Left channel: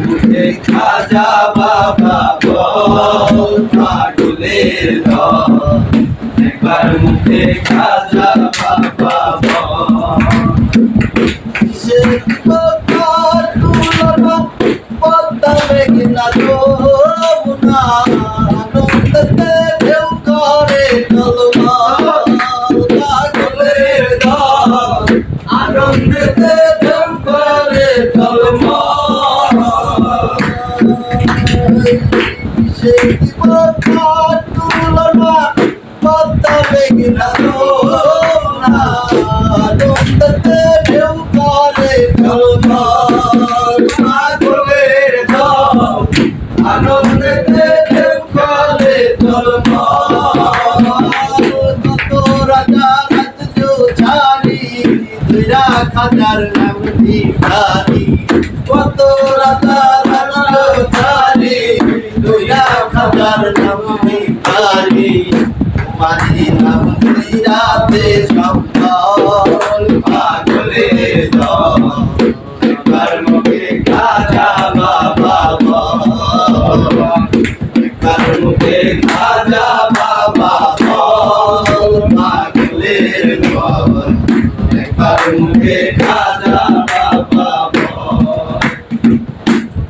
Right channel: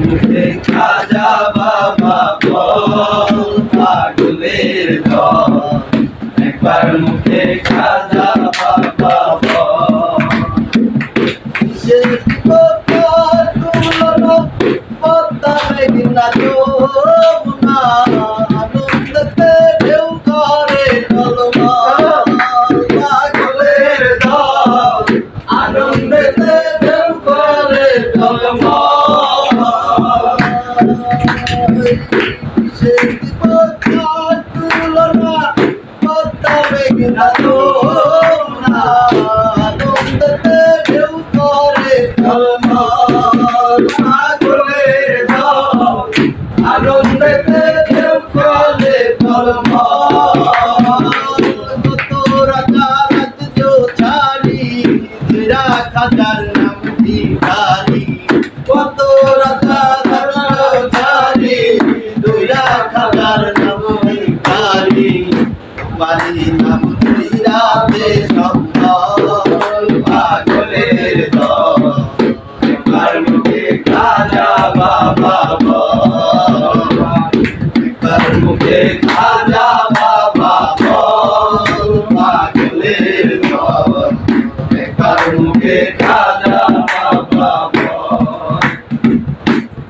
মুখে খাজা বাবা বল পাগলের দল একবার মুখে খাজা বাবা বল সে পদ্মার তুলনা পদ্মা মেঘনা যমুনা আনন্দতে ঢেউ করে টলমল পাগলের দল আনন্দেতে ঢেউ করে টলমল সে পদ্মার তুলনা পদ্মা মেঘনা যমুনা আনন্দতে ঢেউ করে টলমল পাগলের দল আনন্দেতে ঢেউ করে টলমল কত রাজা রাজ্য ছাড়ি দুইরা খাজার নাম ভিখারি কত রাজা রাজ্য ছাড়ি দুইরা খাজার নাম ভিখারি তোমারই নাম দুইরাতে সম্বল পাগলের দল একবার মুখে খাজা বাবা বল একবার মুখে খাজা বাবা বল পাগলের দল একবার মুখে খাজা বাবা বল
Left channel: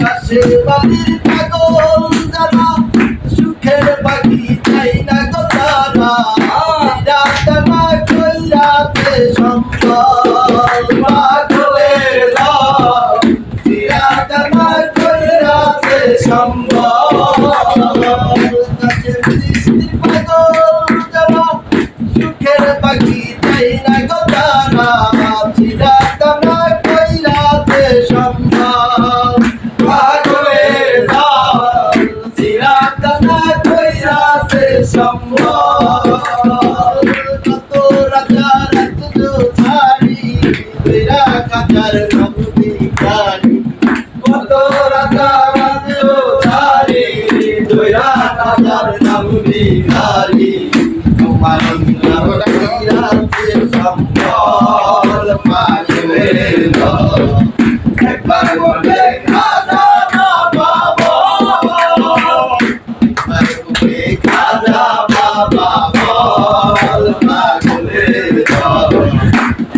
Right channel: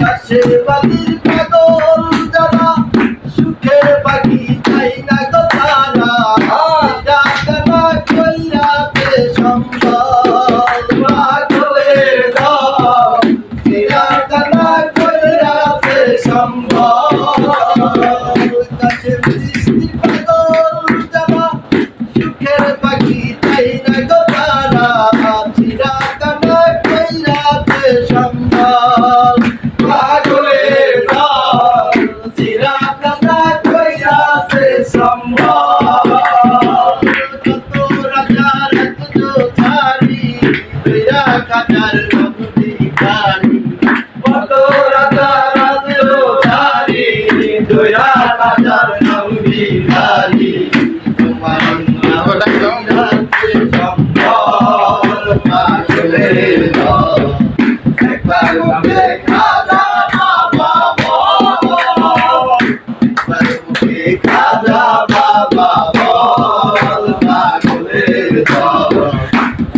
পাশে বালির পাগল যারা সুখের পাখি চাই না গো তারা রাতনা কইরাতে সম্বল পাগলের দল রাতনা কইরাতে সম্বল কাছে বৃষ্টির পাগল যারা সুখের পাখি চাই না গো তারা রাতনা কইরাতে সম্বল পাগলের দল রাতনা কইরাতে সম্বল কত রাজা রাজ্য ছাড়ি দুইরা খাজার নাম ভিখারি কত রাজা রাজ্য ছাড়ি দুইরা খাজার নাম ভিখারি তোমার নাম কইরাতে সম্বল পাগলের দল একবার মুখে খাজা বাবা বল একবার মুখে খাজা বাবা বল পাগলের দল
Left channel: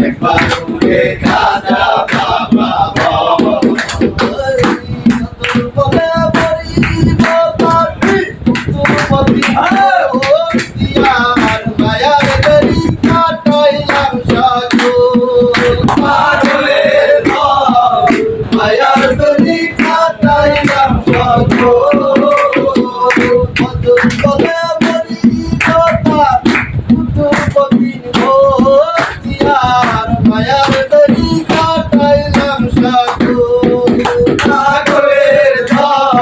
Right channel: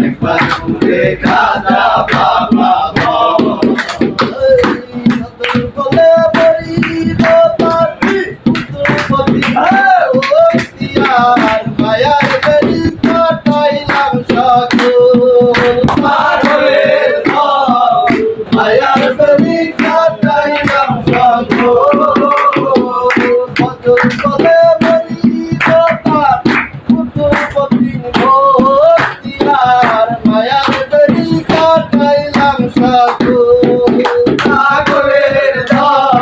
একবার মুখে খাজা বাবা বল বলে বলিব পাপি পুতুপতি ও দিয়ার মায়ার বেরি কাটাইলাম সকল পাগলের দল মায়ার বেরি কাটাইলাম সকল বলে বলিব পাপি পুতুপতি ও দিয়ার মায়ার বেরি কাটাইলাম সকল পাগলের দল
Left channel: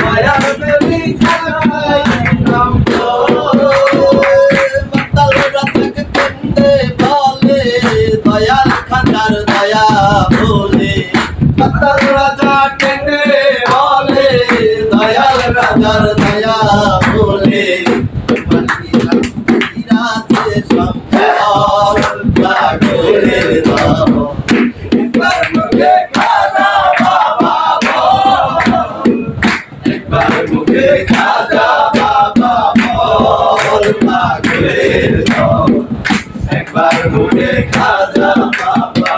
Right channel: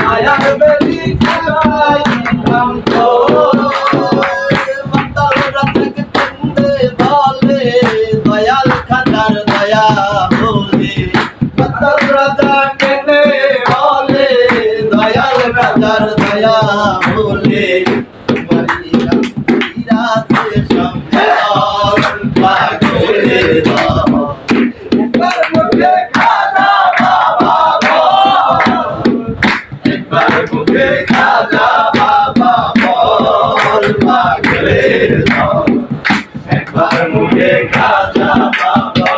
মায়ার বেরি কাটাইলাম সকল মাতালরা থেকে কেন্দে বলে দয়াল খাজার দয়া বলে মাতাল রাজা কেন্দে বলে দয়াল রাজার দয়া বলে তোমারই নাম রাতে সম্বল পাগলের দল একবার মুখে খাজা বাবা বল একবার মুখে খাজা বাবা বল পাগলের দল একবার মুখে খাজা বাবা